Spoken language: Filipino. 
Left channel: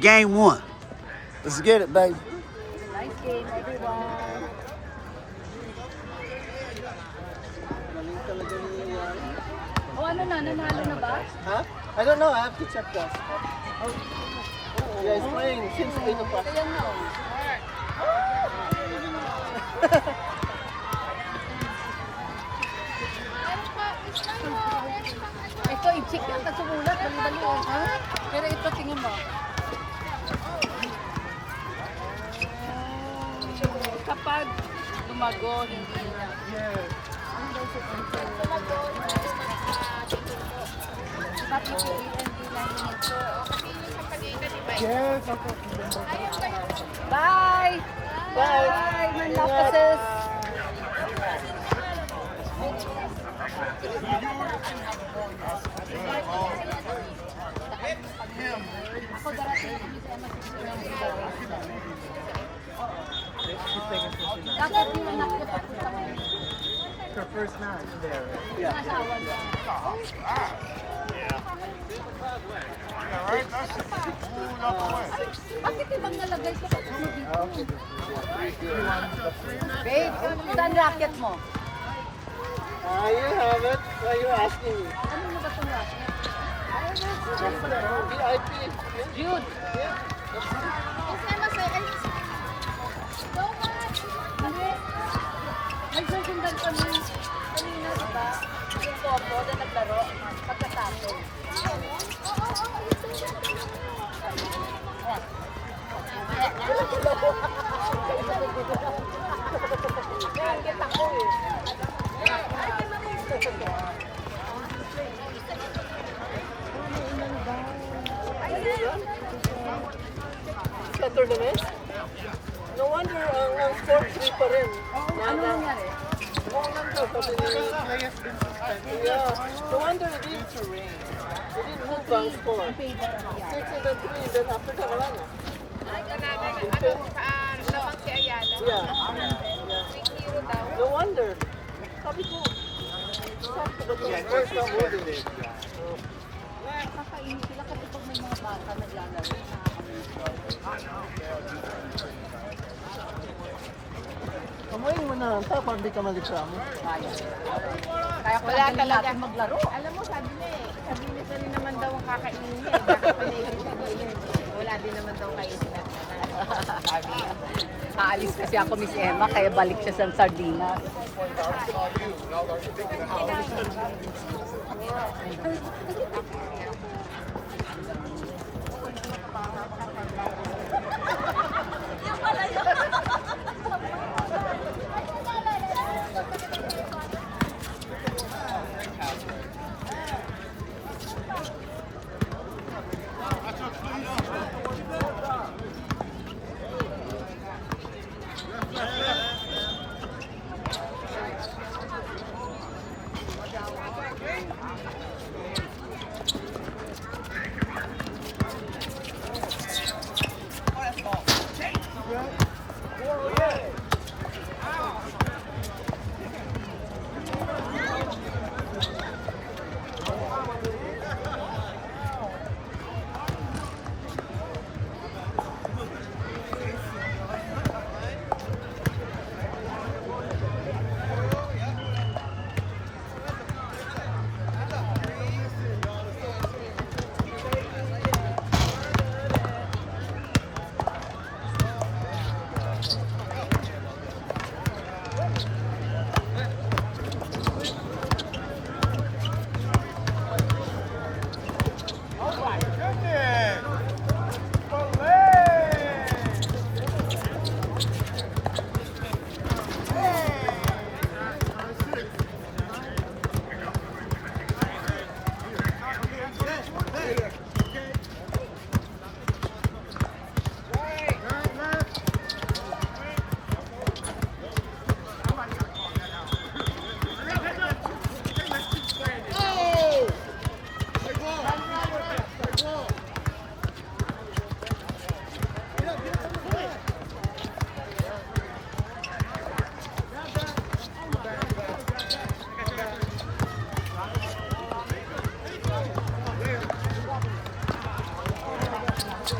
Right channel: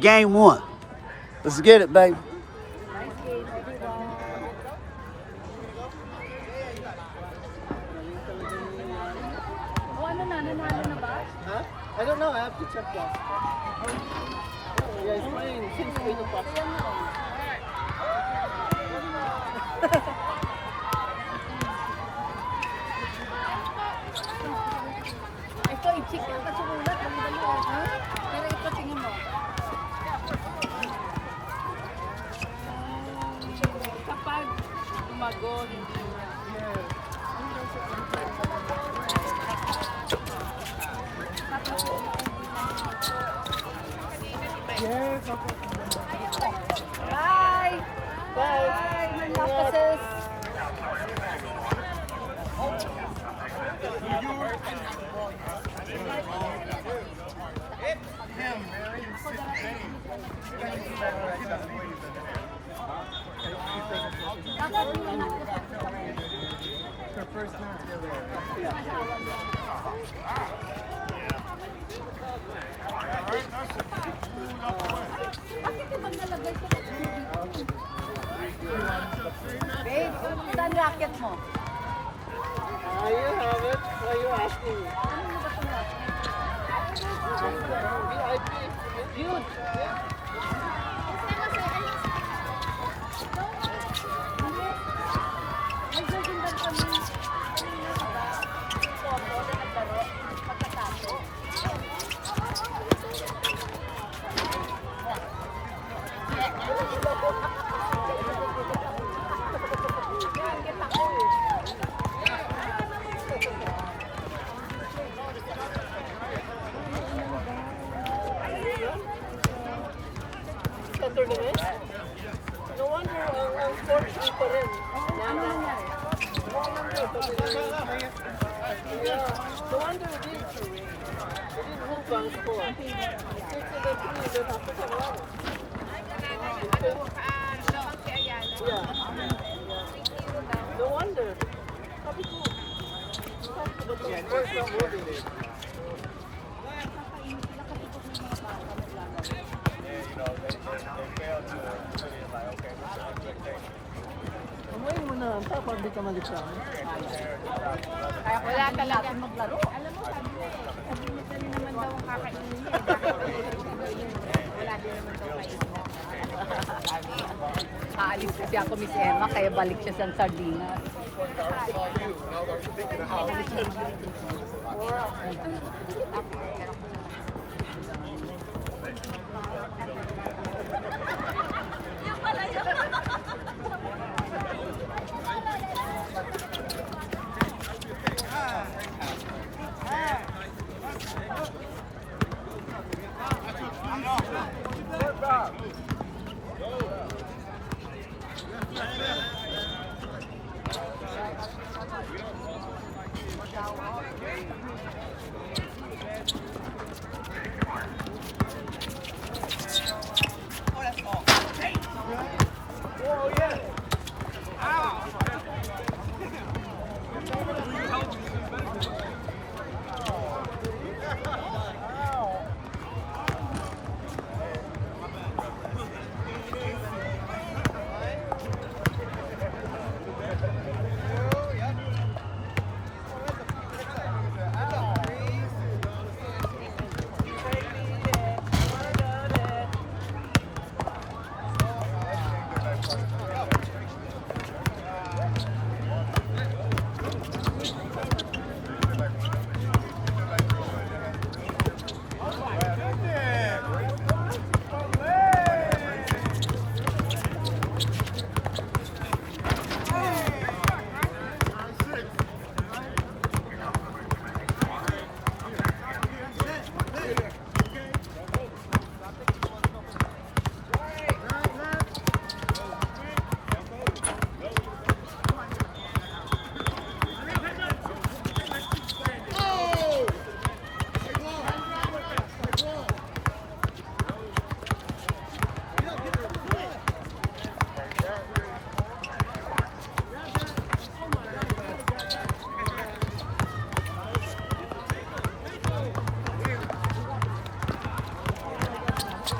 Game one. Let's get it, baby. Huh? I don't know. I have to check that. Yeah, it's playing since 8 o'clock. Ito, i-check yung katsugulat. Dali. Pero ito, tingin mo. Kapag umago, hindi na. Bye! Bye! Manapasas! Bakit ibang nalagay ko? Babe, saan racket mo? You have it. Why are you asking me? VIP. Dude! Ay, susundan kami. Yung combo na naglaro, pagkatapos. Sa tournament? No wonder ang score 3 pa rin. Ano nangyari? No wonder it didn't move ang score. 6-3, then after ka lang. Yeah. No wonder. Sabi ko. Where's the movie? Nakakainit sila kasi pag may mga bata maglalaro. Kumain mo na lang pa pag di ka malikramo. Kaya wala talaga maglaro. Alam mo, sabi na rin naman daw ang kakainin niya. Wala din naman daw kainin. Aalis kasi ako, Miss Emma, kaya balik siya sa Sardinas. All